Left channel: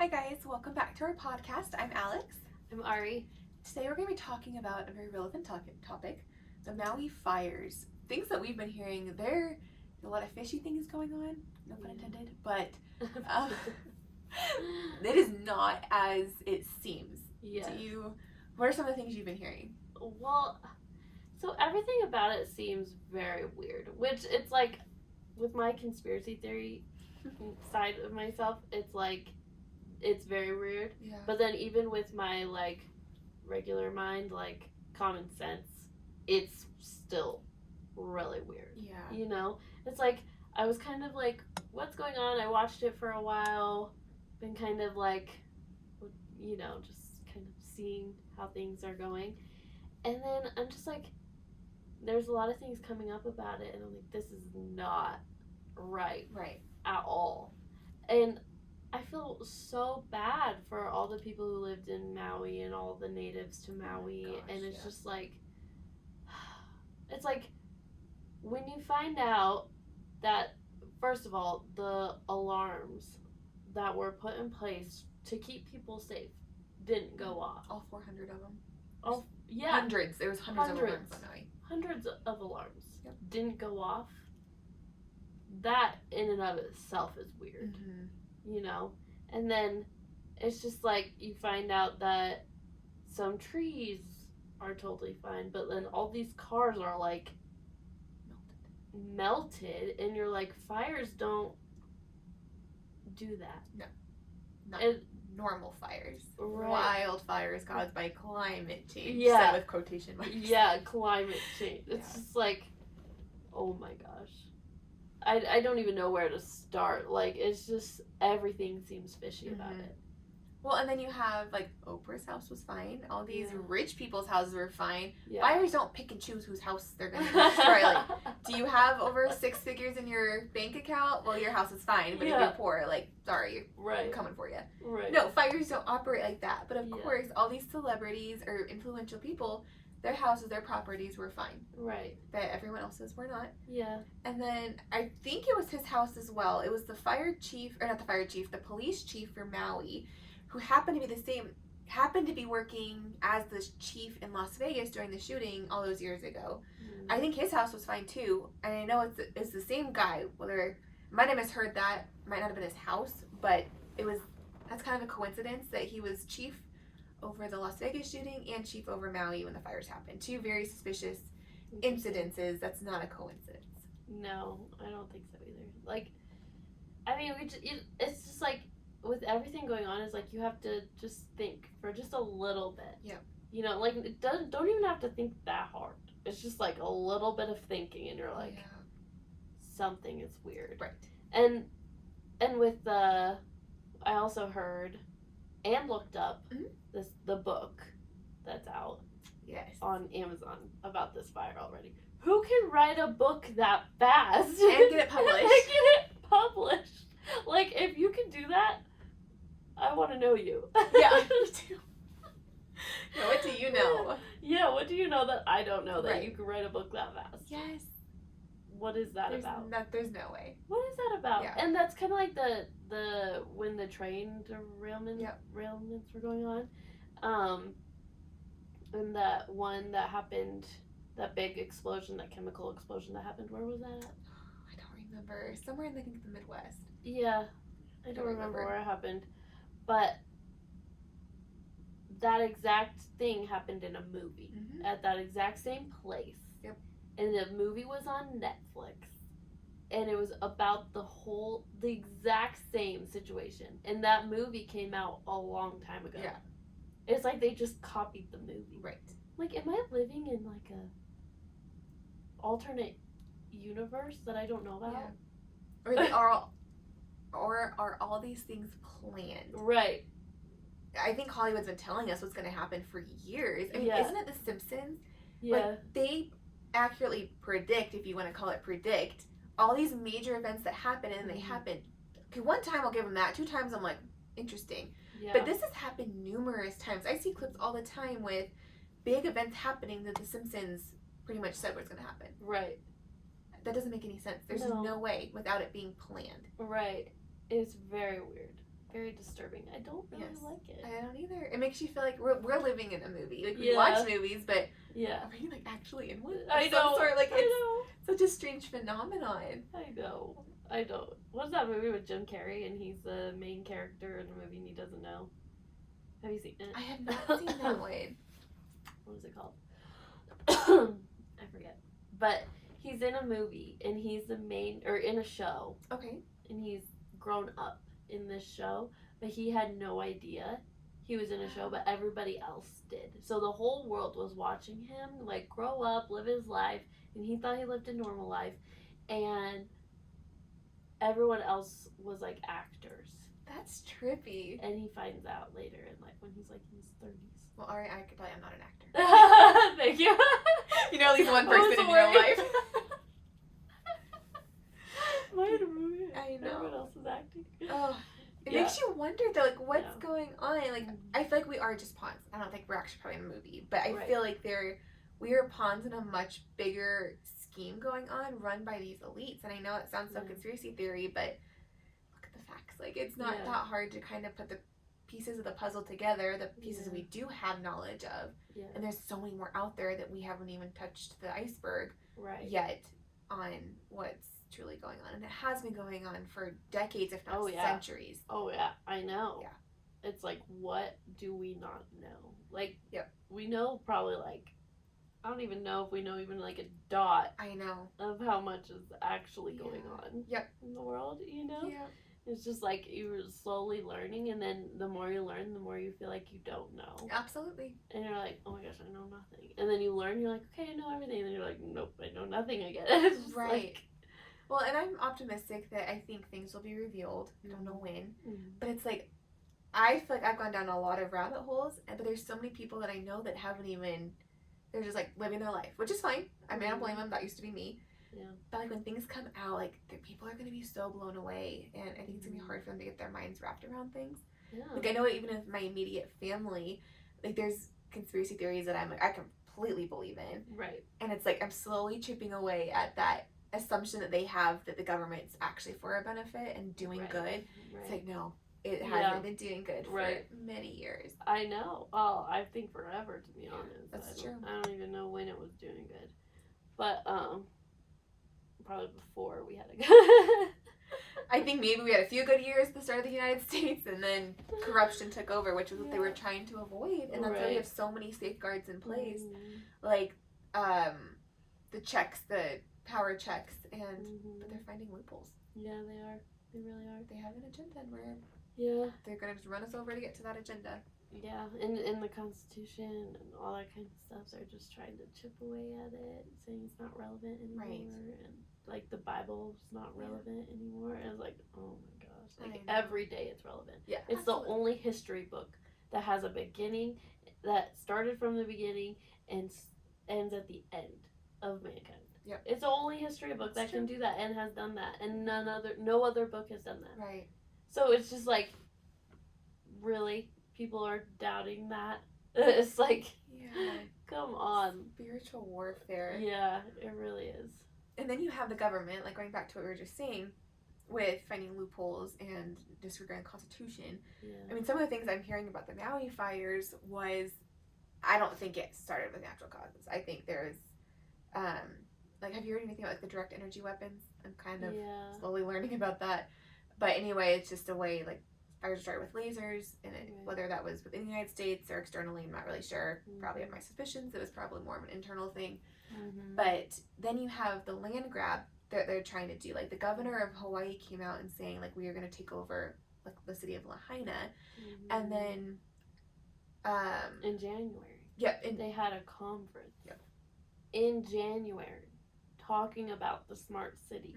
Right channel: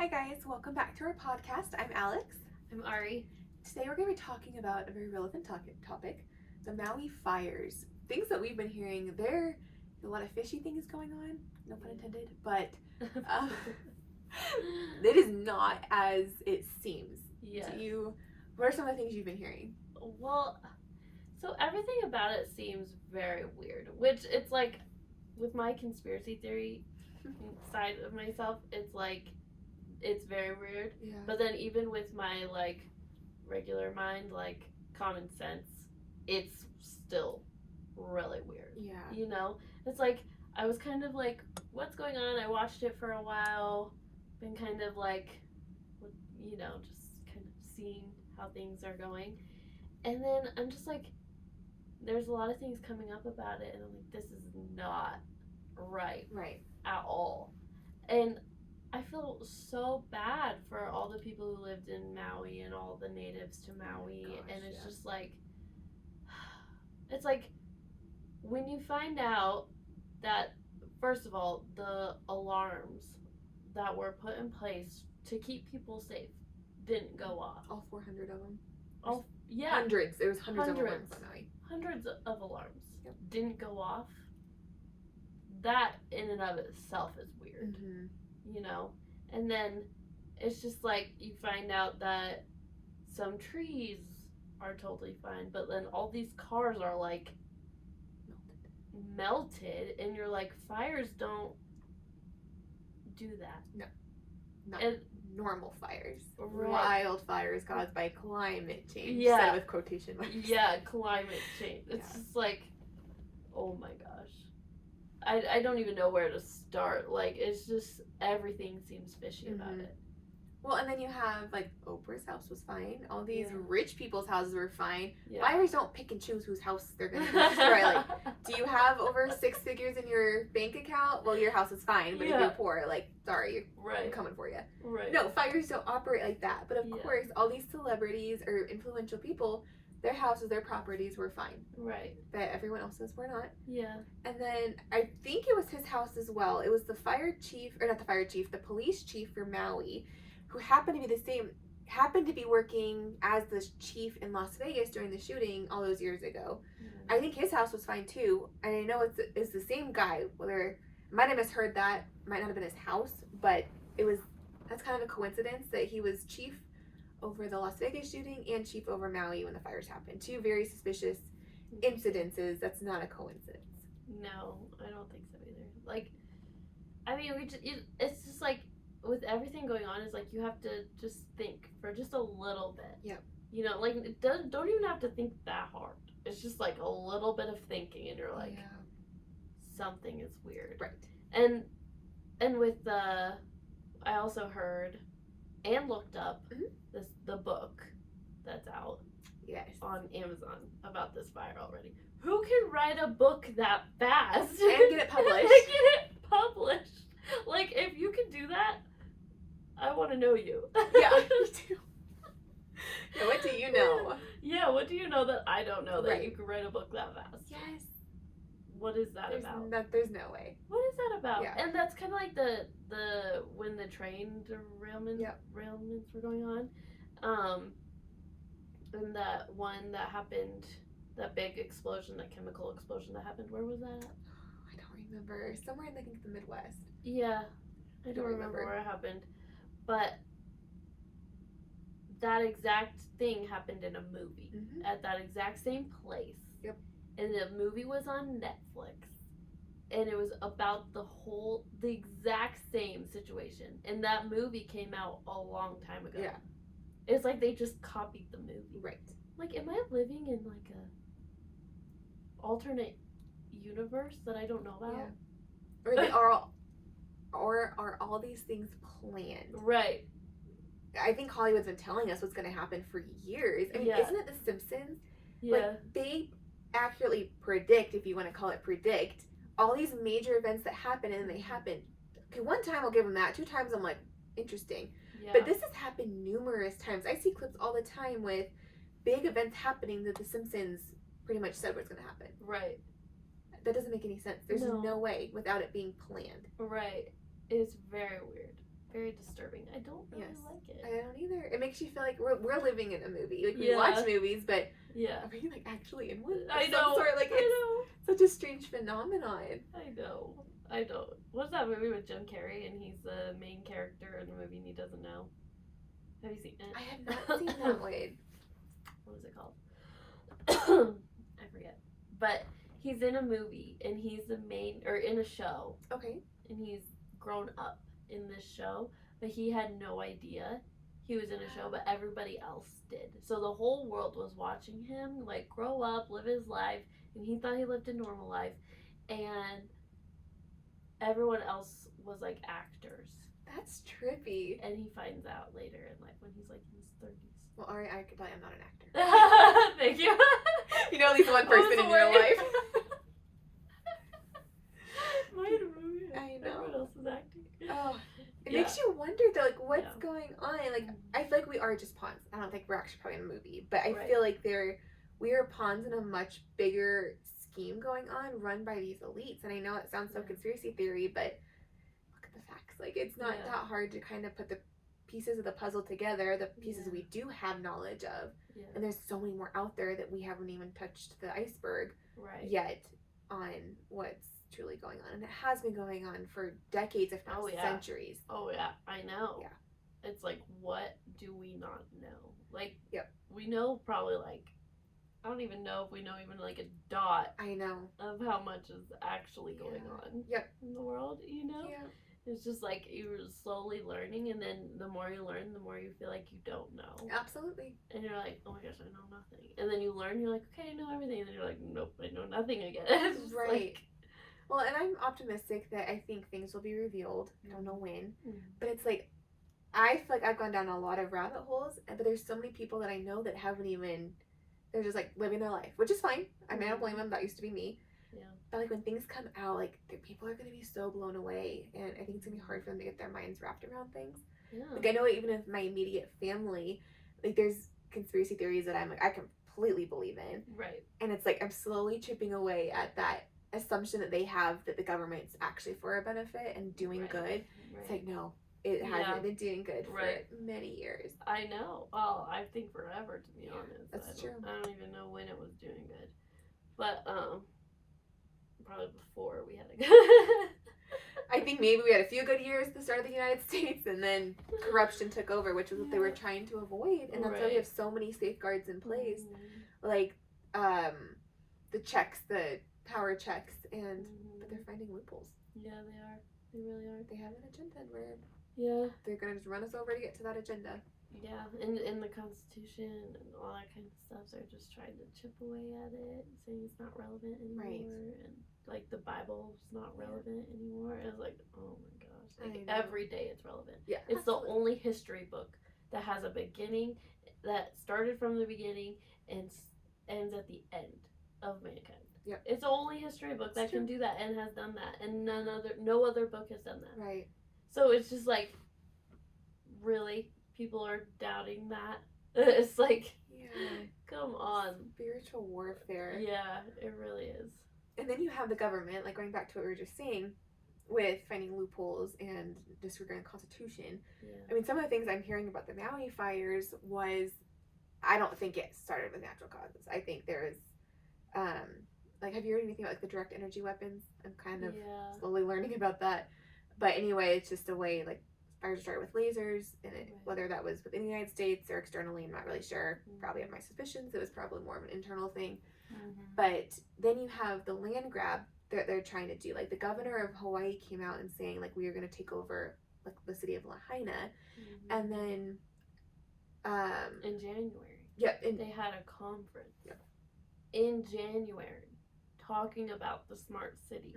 Hi guys, welcome back to our podcast. I'm Alex. I'm Ari. Today we're going to be talking about a very relevant topic, the Maui fires. Things that we've been hearing, there are a lot of fishy things going on, no pun intended, but it is not as it seems. Yes. What are some of the things you've been hearing? Well, so everything about it seems very weird, which it's like, with my conspiracy theory side of myself, it's like, it's very weird. Yeah. But then even with my, like, regular mind, like, common sense, it's still really weird. Yeah. You know? It's like, I was kind of like, what's going on? I watched it for a while, been kind of like, you know, just kind of seeing how things are going. And then I'm just like, there's a lot of things coming up about it, and I'm like, this is not right at all. And I feel so bad for all the people who lived in Maui and all the natives to Maui. Oh gosh, and it's just like, it's like, when you find out that, first of all, the alarms that were put in place to keep people safe didn't go off. All 400 of them. Oh, yeah. Hundreds. There was hundreds of alarms on Maui. Hundreds of alarms. Yep. Didn't go off. That in and of itself is weird. Mm-hmm. You know? And then it's just like, you find out that some trees are totally fine, but then all these cars are like melted, and you're like, fires don't do that. No. Not And, normal fires. Right. Wildfires caused by climate change. Yeah. Said with quotation marks. yeah, climate change. It's just like, oh my gosh. I don't even know where to start. Like, it's just, everything seems fishy about it. Well, and then you have, like, Oprah's house was fine. All these rich people's houses were fine. Yeah. Fires don't pick and choose whose house they're going to destroy. Like, do you have over 6 figures in your bank account? Well, your house is fine. But if you're poor, like, sorry, I'm coming for you. Right. No, fires don't operate like that. But, of course, all these celebrities or influential people, their houses, their properties were fine. Right. But everyone else's were not. Yeah. And then I think it was his house as well. It was the the police chief for Maui, who happened to be working as the chief in Las Vegas during the shooting all those years ago. Mm. I think his house was fine too. And I know it's the same guy. Whether I might have misheard that, might not have been his house, but that's kind of a coincidence that he was chief over the Las Vegas shooting and chief over Maui when the fires happened. Two very suspicious incidences. That's not a coincidence. No, I don't think so either. Like, I mean, it's just like, with everything going on, is like, you have to just think for just a little bit. Yep. You know, like, don't even have to think that hard. It's just like a little bit of thinking, and you're like, something is weird. Right. And with I also heard and looked up the book that's out on Amazon about this fire already. Who can write a book that fast and get it published? Like, if you can do that, I want to know you. Yeah, me too. Yeah, what do you know? Yeah, what do you know that I don't know that you can write a book that fast? Yes. What is that about? There's no way. What is that about? Yeah. And that's kind of like the when the train derailments were going on. And that one that happened, that big explosion, that chemical explosion that happened, where was that at? I don't remember. Somewhere in, I think, the Midwest. Yeah. I don't remember where it happened. But that exact thing happened in a movie. Mm-hmm. At that exact same place. Yep. And the movie was on Netflix. And it was about the exact same situation. And that movie came out a long time ago. Yeah. It's like they just copied the movie. Right. Like, am I living in like a alternate universe that I don't know about? Yeah. Or are all these things planned? Right. I think Hollywood's been telling us what's going to happen for years. I mean, isn't it The Simpsons? Yeah. Like, they accurately predict, if you want to call it predict, all these major events that happen, and they happen. Okay, one time I'll give them that. 2 times I'm like, interesting. Yeah. But this has happened numerous times. I see clips all the time with big events happening that The Simpsons pretty much said what's going to happen. Right. That doesn't make any sense. There's no way without it being planned. Right. It's very weird. very disturbing. I don't really like it. I don't either. It makes you feel like we're living in a movie. Like, we watch movies, but are we, like, actually in one? I know. Sort? Like, it's such a strange phenomenon. I know. What's that movie with Jim Carrey and he's the main character in the movie and he doesn't know? Have you seen it? I have not seen that one. What is it called? I forget. But he's in a movie and he's the main, or in a show. Okay. And he's grown up in this show, but he had no idea he was in a show, but everybody else did. So the whole world was watching him, like, grow up, live his life, and he thought he lived a normal life. And everyone else was, like, actors. That's trippy. And he finds out later in life when he's, like, in his 30s. Well, Ari, I could tell you I'm not an actor. Thank you. You know at least one person in your life. I know. Everyone else is acting. Oh, it makes you wonder though, like, what's going on? Like, I feel like we are just pawns. I don't think we're actually probably in a movie, but I feel like we are pawns in a much bigger scheme going on, run by these elites. And I know it sounds so conspiracy theory, but look at the facts. Like, it's not that hard to kind of put the pieces of the puzzle together, the pieces we do have knowledge of, and there's so many more out there that we haven't even touched the iceberg yet on what's truly going on, and it has been going on for decades, if not centuries. Oh yeah, I know. Yeah, it's like, what do we not know? Like, we know probably, like, I don't even know if we know even like a dot. I know of how much is actually going on. In the world, you know. Yeah. It's just like you're slowly learning, and then the more you learn, the more you feel like you don't know. Absolutely. And you're like, oh my gosh, I know nothing. And then you learn, you're like, okay, I know everything. And then you're like, nope, I know nothing again. Right. Like, well, and I'm optimistic that I think things will be revealed. I don't know when. But it's like, I feel like I've gone down a lot of rabbit holes, but there's so many people that I know that haven't even, they're just like living their life, which is fine. I mean, I don't blame them. That used to be me. Yeah. But like when things come out, like people are going to be so blown away, and I think it's going to be hard for them to get their minds wrapped around things. Yeah. Like, I know even in my immediate family, like, there's conspiracy theories that I'm like, I completely believe in. Right. And it's like I'm slowly chipping away at that assumption that they have that the government's actually for a benefit and doing good. Right. It's like, no, it hasn't been doing good for many years. I know. Oh, I think forever, to be honest. That's true. I don't even know when it was doing good. But, probably before we had a good I think maybe we had a few good years at the start of the United States, and then corruption took over, which was what they were trying to avoid. And that's why we have so many safeguards in place, like the checks, the power checks, and but they're finding loopholes. Yeah, they are. They really are. They have an agenda, and they're gonna just run us over to get to that agenda. Yeah, in the Constitution and all that kind of stuff, they're just trying to chip away at it, saying it's not relevant anymore, and like the Bible's not relevant anymore. And it's like, oh my gosh, like every day it's relevant. Yeah, it's the only history book that has a beginning, that started from the beginning and ends at the end of mankind. Yep. It's the only history book that can do that and has done that, and no other book has done that. Right. So it's just like, really. People are doubting that. It's like, come on. Spiritual warfare. Yeah, it really is. And then you have the government, like going back to what we were just saying, with finding loopholes and disregarding the Constitution. Yeah. I mean, some of the things I'm hearing about the Maui fires was, I don't think it started with natural causes. I think there's, like, have you heard anything about like the direct energy weapons? I'm kind of slowly learning about that. But anyway, it's just a way, like, fires started with lasers, and whether that was within the United States or externally, I'm not really sure. Probably have my suspicions. It was probably more of an internal thing. But then you have the land grab that they're trying to do. Like, the governor of Hawaii came out and saying, like, we are going to take over, like, the city of Lahaina. And then in January, they had a conference in January talking about the smart city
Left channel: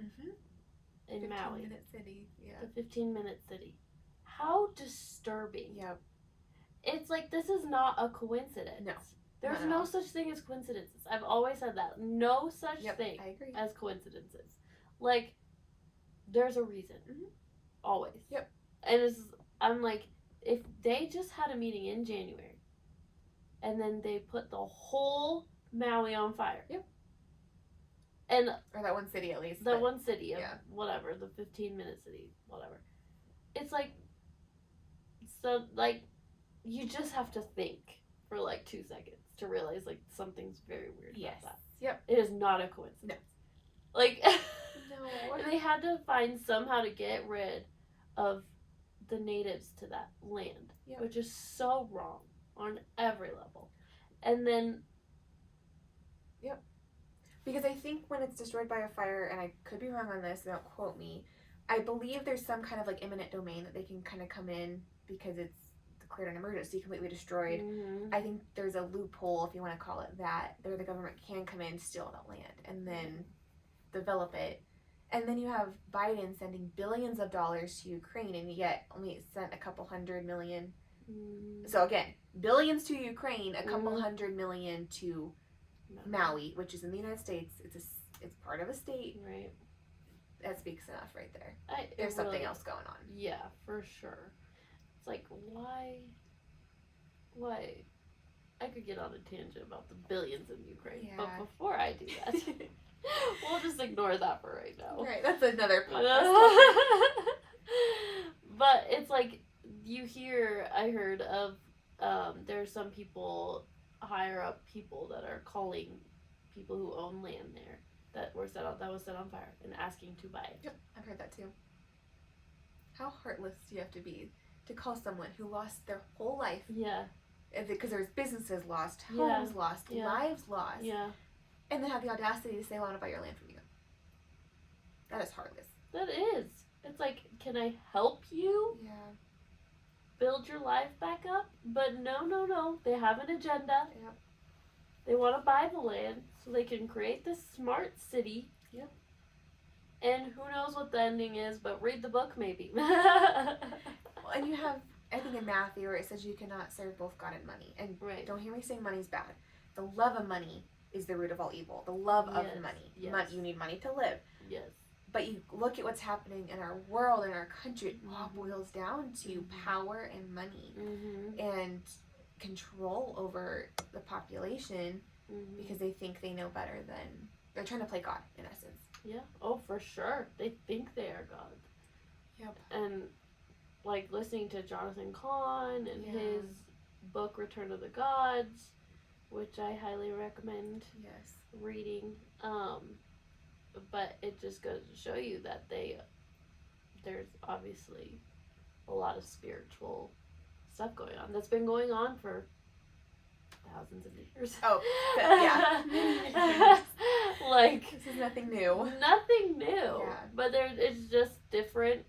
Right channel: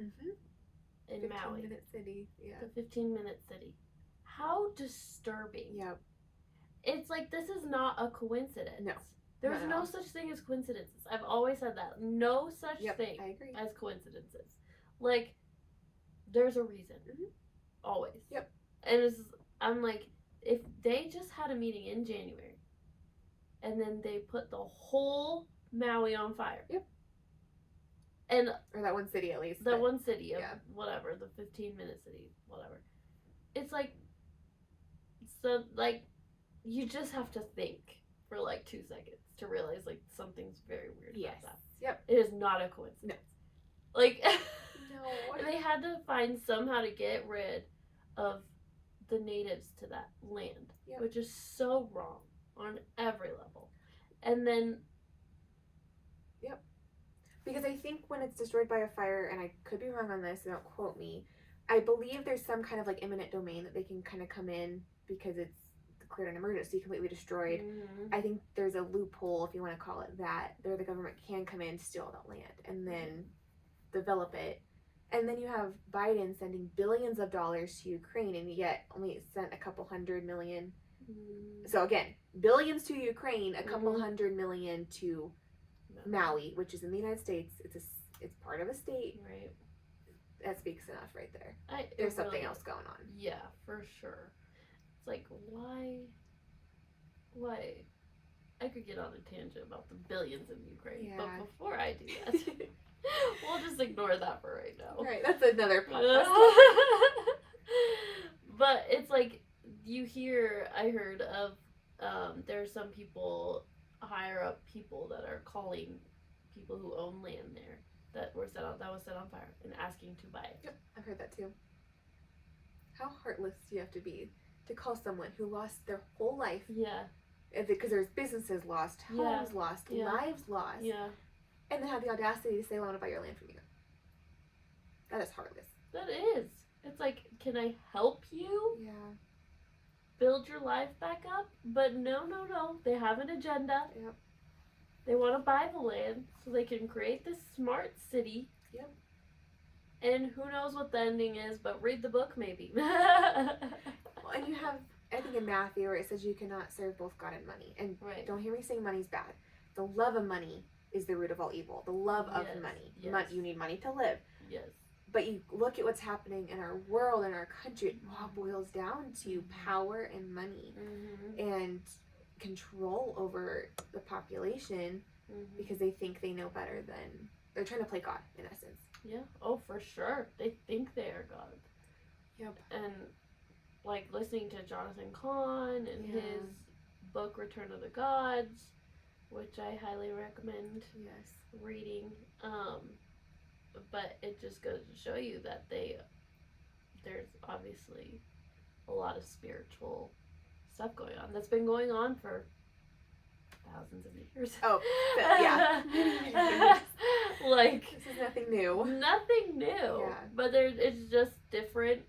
in Maui. 15-minute city. The 15-minute city. How disturbing. Yep. It's like, this is not a coincidence. No. There's no such thing as coincidences. I've always said that. No such thing I agree. as coincidences. Like, there's a reason. Always. Yep. And I'm like, if they just had a meeting in January, and then they put the whole Maui on fire. And or that one city, at least. That one city of whatever, the 15-minute city, whatever. It's like, So, like, you just have to think for, like, 2 seconds to realize, like, something's very weird Yes. about that. Yep. It is not a coincidence. No. Like, No. they had to find somehow to get rid of the natives to that land, Yep. which is so wrong on every level. And then... Yep. Because I think when it's destroyed by a fire, and I could be wrong on this, so don't quote me, I believe there's some kind of, like, eminent domain that they can kind of come in because it's declared an emergency, completely destroyed. Mm-hmm. I think there's a loophole, if you want to call it that, where the government can come in, steal that land, and then develop it. And then you have Biden sending billions of dollars to Ukraine, and yet only sent a couple $100 million. So again, billions to Ukraine, a couple $100 million to Maui, which is in the United States. It's part of a state. Right. That speaks enough right there. There's something else going on. Yeah, for sure. It's like, why? I could get on a tangent about the billions in Ukraine, but before I do that, we'll just ignore that for right now. Right, that's another podcast. But it's like, I heard of, there's some people, higher up people that are calling people who own land there that was set on fire and asking to buy it. Yep, I've heard that too. How heartless do you have to be to call someone who lost their whole life? Yeah. Because there's businesses lost, homes lost, lives lost. Yeah. And then have the audacity to say, well, I want to buy your land from you. That is heartless. That is. It's like, can I help you? Yeah. Build your life back up? But no. They have an agenda. Yep. They want to buy the land so they can create this smart city. Yep. And who knows what the ending is, but read the book maybe. Well, and you have, I think in Matthew, where it says you cannot serve both God and money. And don't hear me saying money's bad. The love of money is the root of all evil. The love of money. Yes. You need money to live. Yes. But you look at what's happening in our world, in our country, it all boils down to power and money and control over the population because they think they know better than, they're trying to play God, in essence. Yeah. Oh, for sure. They think they are God. Yep. And, like, listening to Jonathan Cahn and his book, Return of the Gods, which I highly recommend reading. But it just goes to show you that there's obviously a lot of spiritual stuff going on that's been going on for thousands of years. Oh, yeah. Like, this is nothing new. Nothing new. Yeah. But it's just different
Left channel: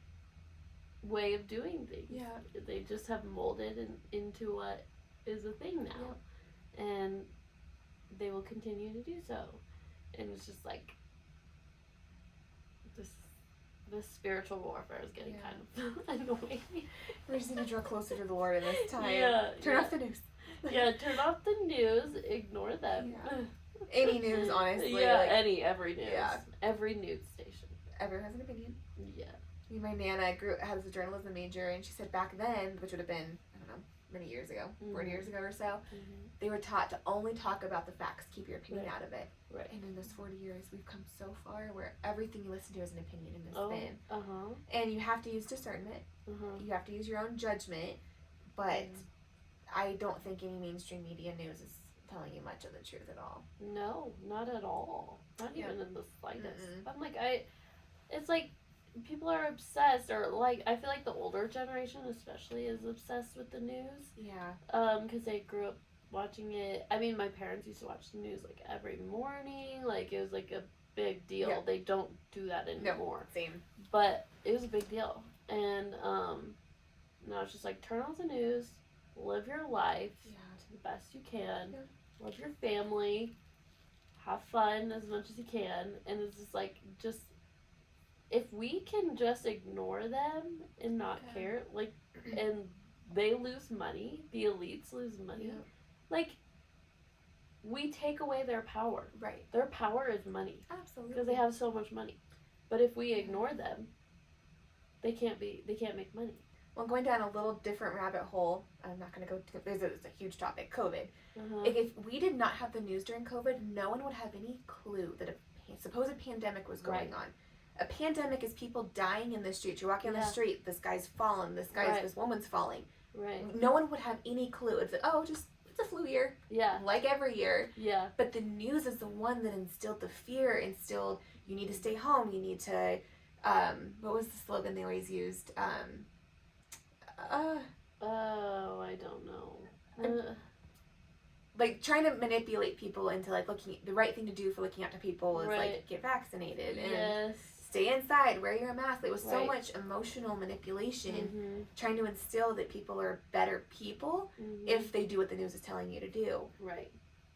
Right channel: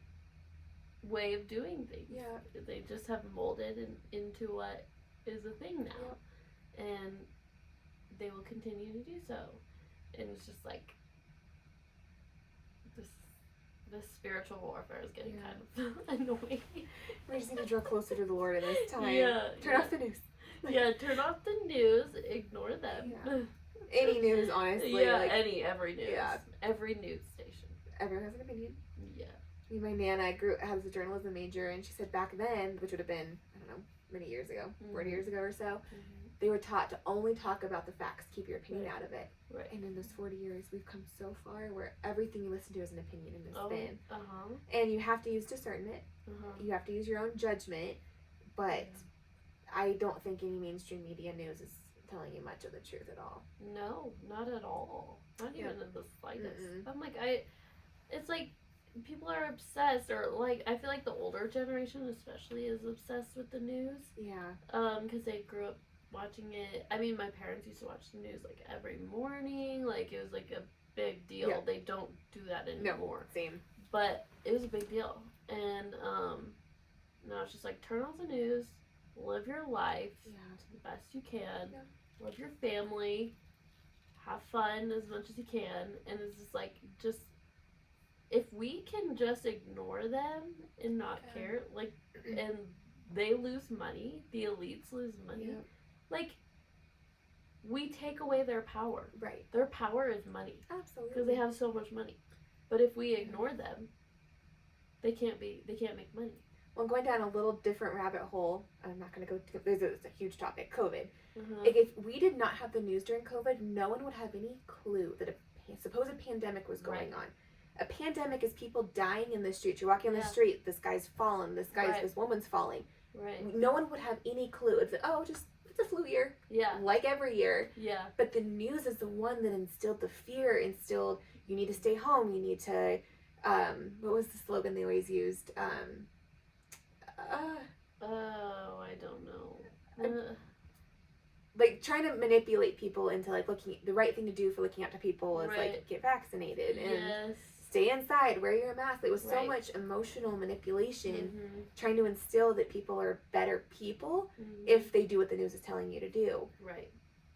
way of doing things. Yeah. They just have molded into what is a thing now. Yep. And they will continue to do so. And it's just like, this spiritual warfare is getting kind of annoying. We just need to draw closer to the Lord in this time. Turn off the news. Turn off the news. Ignore them. Yeah. Any news, honestly. Yeah, every news. Yeah. Every news station. Everyone has an opinion. Yeah. My Nana has a journalism major, and she said back then, which would have been, I don't know, many years ago, 40 years ago or so, they were taught to only talk about the facts, keep your opinion out of it. Right. And in those 40 years, we've come so far where everything you listen to is an opinion and a spin. Uh-huh. And you have to use discernment. You have to use your own judgment. But I don't think any mainstream media news is telling you much of the truth at all. No, not at all. Not even in the slightest. I'm like, it's like, people are obsessed, or like, I feel like the older generation especially is obsessed with the news. Yeah. Because they grew up watching it. I mean, my parents used to watch the news like every morning. Like, it was like a big deal. Yeah. They don't do that anymore. No, same. But it was a big deal. And now it's just like, turn off the news, live your life to the best you can, love your family, have fun as much as you can. And it's just like, if we can just ignore them and not care, like, and they lose money, the elites lose money, like, we take away their power. Right. Their power is money. Absolutely. Because they have so much money. But if we ignore them, they can't make money. Well, going down a little different rabbit hole, I'm not going to go to, it's a huge topic, COVID. If we did not have the news during COVID, no one would have any clue that a supposed pandemic was going on. A pandemic is people dying in the streets. You're walking on the street, this guy's fallen, this woman's falling. Right. No one would have any clue. It's like, oh, just it's a flu year. Yeah. Like every year. Yeah. But the news is the one that instilled the fear, instilled you need to stay home, you need to what was the slogan they always used? Oh, I don't know. Like trying to manipulate people into like looking the right thing to do for looking out to people is Right. like get vaccinated and Yes. stay inside, wear your mask. It was so Right. much emotional manipulation, Mm-hmm. trying to instill that people are better people Mm-hmm. if they do what the news is telling you to do. Right.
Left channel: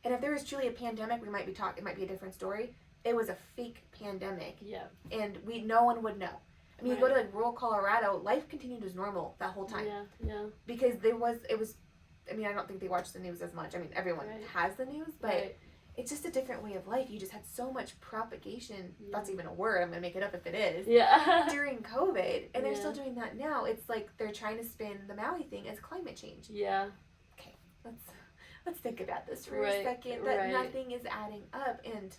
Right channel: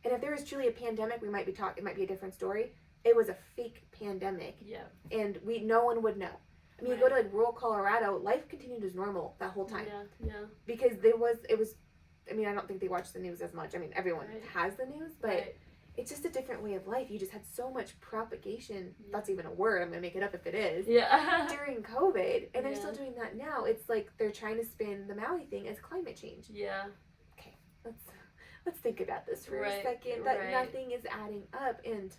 And if there was truly a pandemic, we might be talking. It might be a different story. It was a fake pandemic, Yeah. and no one would know. I mean, you go to like rural Colorado, life continued as normal that whole time. Yeah. Yeah. Because it was. I mean, I don't think they watch the news as much. I mean, everyone Right. has the news, but Right. it's just a different way of life. You just had so much propagation. Yeah. That's even a word. I'm gonna make it up if it is. Yeah. During COVID, and they're Yeah. still doing that now. It's like they're trying to spin the Maui thing as climate change. Yeah. Let's think about this for Right, a second. That right. nothing is adding up, and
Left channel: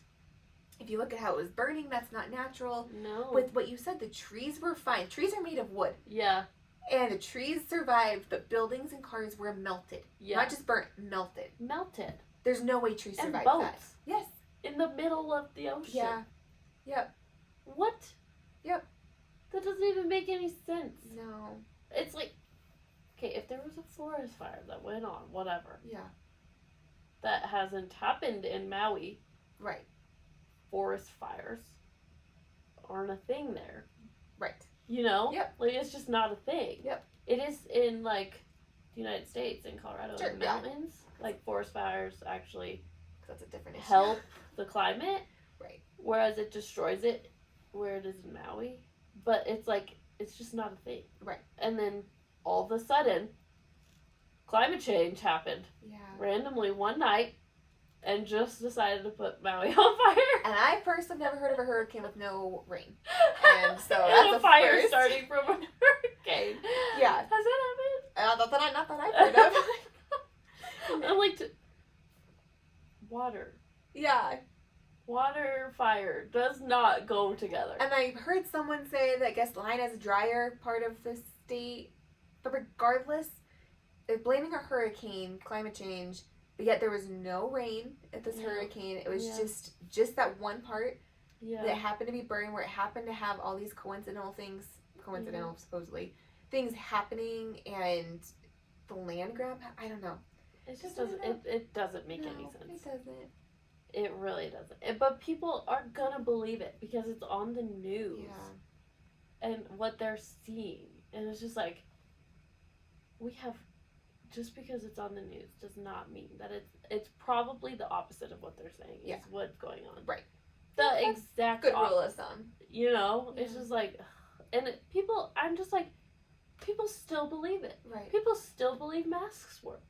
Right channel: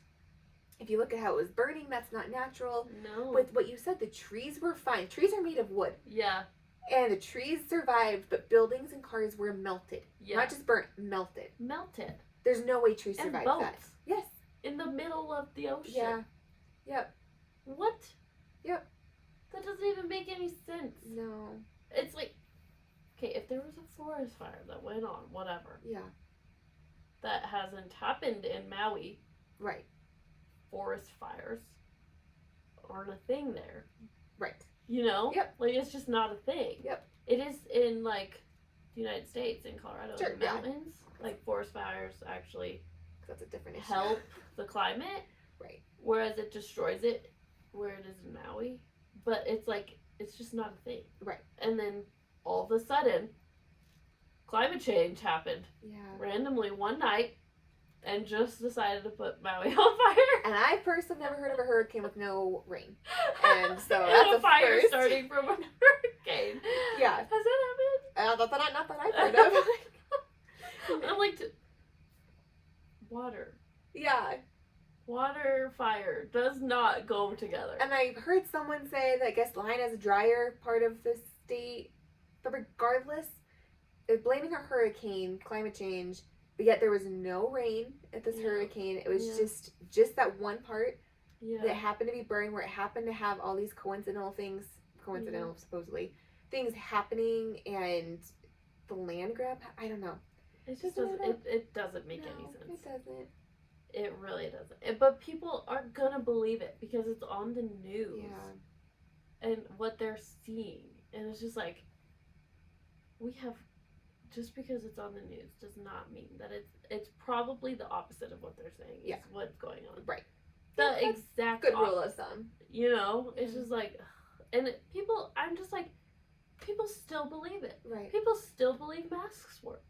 if you look at how it was burning, that's not natural. No. With what you said, the trees were fine. Trees are made of wood, Yeah. and the trees survived, but buildings and cars were melted. Yeah. Not just burnt, melted. Melted. There's no way trees And survived boats. that. Yes. In the middle of the ocean. Yeah. Yep. What? Yep. That doesn't even make any sense. No. It's like, okay, if there was a forest fire that went on, whatever, Yeah. that hasn't happened in Maui, Right. forest fires aren't a thing there. Right. You know? Yep. Like, it's just not a thing. Yep. It is in, like, the United States, in Colorado, Sure, in the yeah. mountains. Like, forest fires actually That's a different issue. help the climate. Right. Whereas it destroys it where it is in Maui. But it's like, it's just not a thing. Right. And then all of a sudden, climate change happened Yeah. randomly one night and just decided to put Maui on fire. And I personally never heard of a hurricane with no rain. And so And that's a a fire first. starting from a hurricane. Yeah. Has that happened? Not that I've heard of. I'm like, water. Yeah. Water, fire does not go together. And I heard someone say that I guess Line is a drier part of the state. But regardless, they're blaming a hurricane, climate change, but yet there was no rain at this Yeah. hurricane. It was Yeah. just that one part Yeah. that happened to be burned where it happened to have all these coincidental supposedly, things happening, and the land grab, I don't know. It just Doesn't doesn't. it It doesn't make No, any sense. It doesn't. It really doesn't. But people are gonna believe it because it's on the news Yeah. and what they're seeing, and it's just like we have. Just because it's on the news does not mean that it's probably the opposite of what they're saying. Yeah. Is what's going on. Right. The Yeah, that's exact Good opposite. rule of thumb. You know, it's Yeah. just like, and people. I'm just like, people still believe it. Right. People still believe masks work.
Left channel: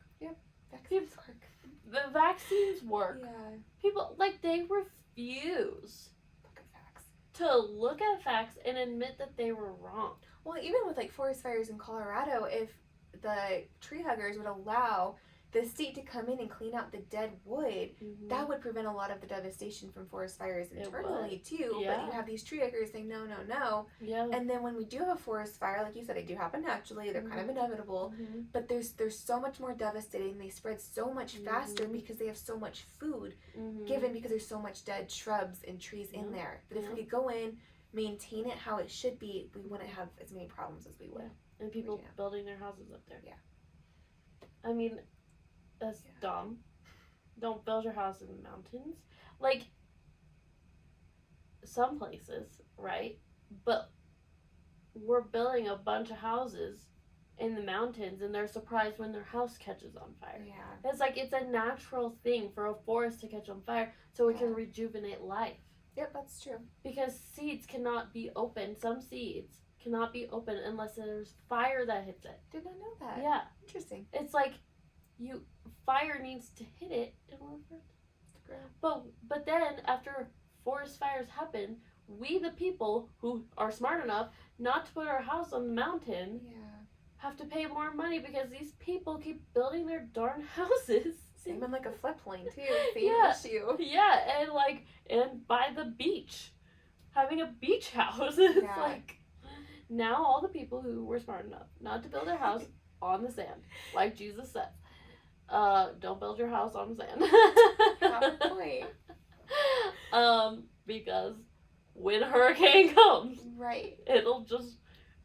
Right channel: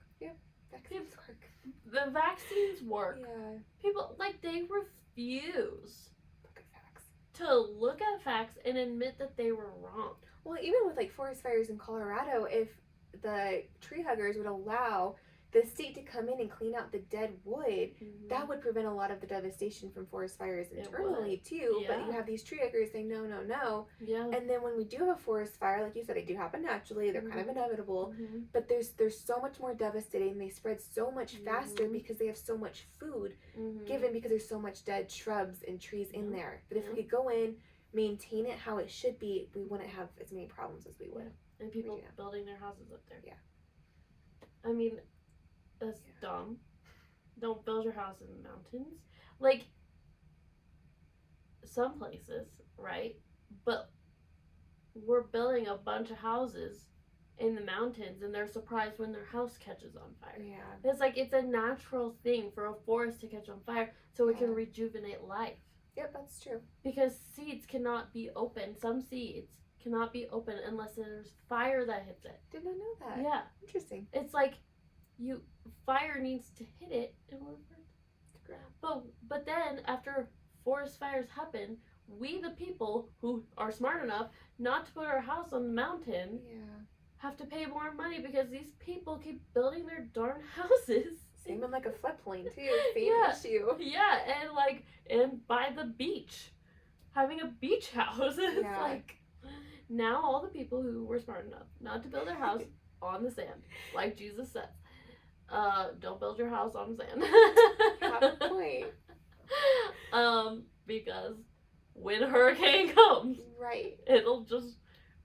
Vaccines work. The vaccines work. Yeah. People, like, they refuse Look at facts. to look at facts and admit that they were wrong. Well, even with like forest fires in Colorado, if the tree huggers would allow the state to come in and clean out the dead wood, that would prevent a lot of the devastation from forest fires It internally too. But Yeah. you have these tree huggers saying no, no, no. Yeah. And then when we do have a forest fire, like you said, they do happen naturally. They're kind of inevitable. Mm-hmm. But there's so much more devastating. They spread so much faster Mhm. because they have so much food Mm-hmm. given because there's so much dead shrubs and trees in Yeah. there. That if Yeah. we could go in, maintain it how it should be, we wouldn't have as many problems as we would. And people Yeah. building their houses up there. Yeah. I mean, that's Yeah. dumb. Don't build your house in the mountains. Like, some places, right? But we're building a bunch of houses in the mountains and they're surprised when their house catches on fire. Yeah. It's like, it's a natural thing for a forest to catch on fire so it can Yeah. rejuvenate life. Yep, that's true. Because seeds cannot be open. Some seeds cannot be open unless there's fire that hits it. Did not know that. Yeah. Interesting. It's like fire needs to hit it in order for it. But then after forest fires happen, we the people who are smart enough not to put our house on the mountain Yeah. have to pay more money because these people keep building their darn houses. Same in like a floodplain too. Same Yeah. issue. Yeah, and by the beach. Having a beach house. It's Yeah. like now all the people who were smart enough not to build their house on the sand, like Jesus said. Don't build your house on sand. Have a point. Because when a hurricane comes, right, it'll just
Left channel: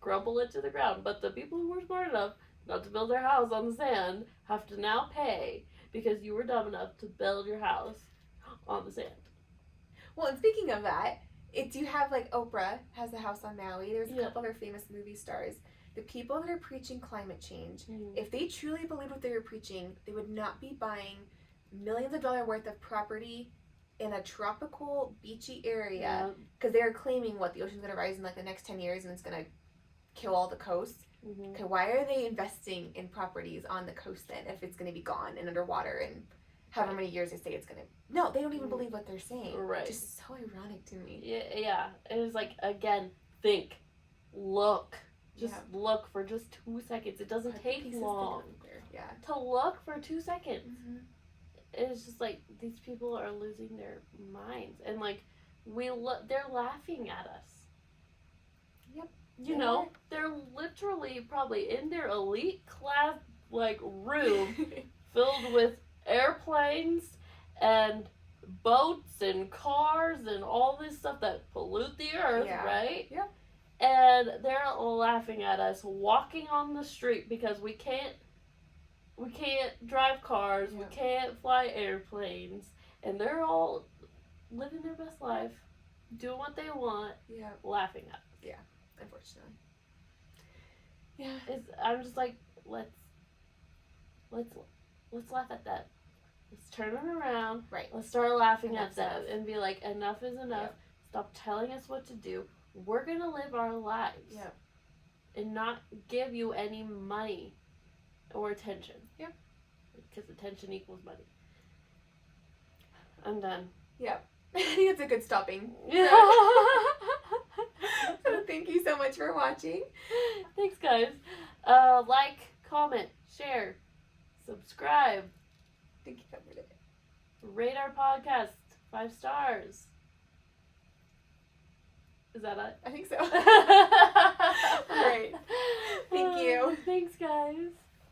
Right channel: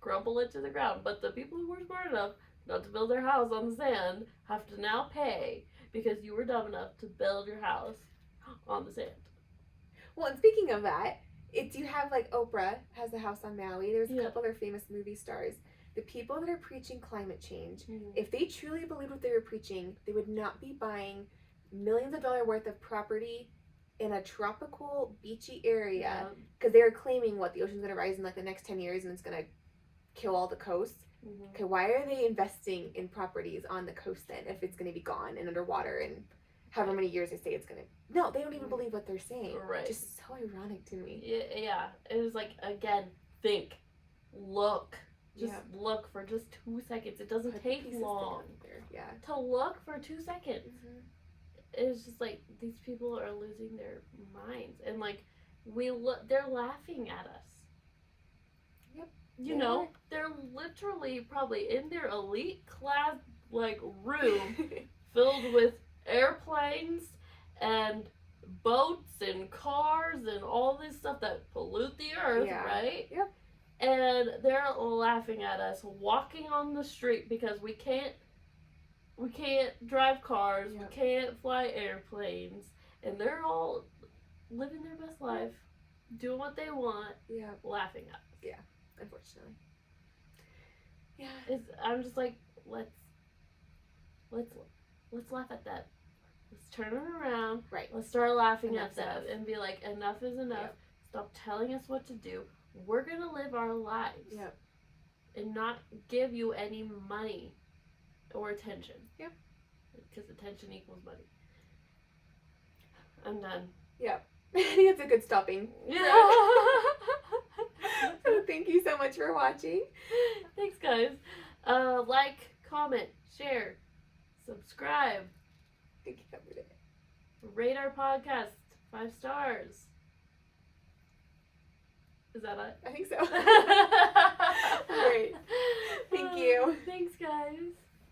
crumble it to the ground. But the people who were smart enough not to build their house on the sand have to now pay because you were dumb enough to build your house on the sand. Well, and speaking of that, you have like Oprah has a house on Maui. There's a couple other famous movie stars. The people that are preaching climate change, if they truly believed what they were preaching, they would not be buying millions of dollars worth of property in a tropical beachy area because they are claiming the ocean's going to rise in like the next 10 years and it's going to kill all the coast. Okay, why are they investing in properties on the coast then if it's going to be gone and underwater and however many years they say it's going to... No, they don't even believe what they're saying. Right. Just so ironic to me. Yeah. It was like, again, think, look. Just look for just 2 seconds. It doesn't take long to look for 2 seconds. It's just like these people are losing their minds, and like they're laughing at us. Yep. You know, they're literally probably in their elite class like room filled with airplanes and boats and cars and all this stuff that pollute the earth, right? Yep. And they're laughing at us walking on the street because we can't drive cars, we can't fly airplanes, and they're all living their best life, doing what they want, laughing at us. Yeah, unfortunately. Yeah. I'm just like, let's laugh at that. Let's turn it around. Right. Let's start laughing at that and be like, enough is enough. Yep. Stop telling us what to do. We're gonna live our lives. Yep. And not give you any money or attention. Yep. Because attention equals money. I'm done. Yep. I think that's a good stopping. Yeah. So thank you so much for watching. Thanks, guys. Like, comment, share, subscribe. I think you covered it. Rate our podcast 5 stars. Is that it? I think so. Great. Thank you. Thanks, guys.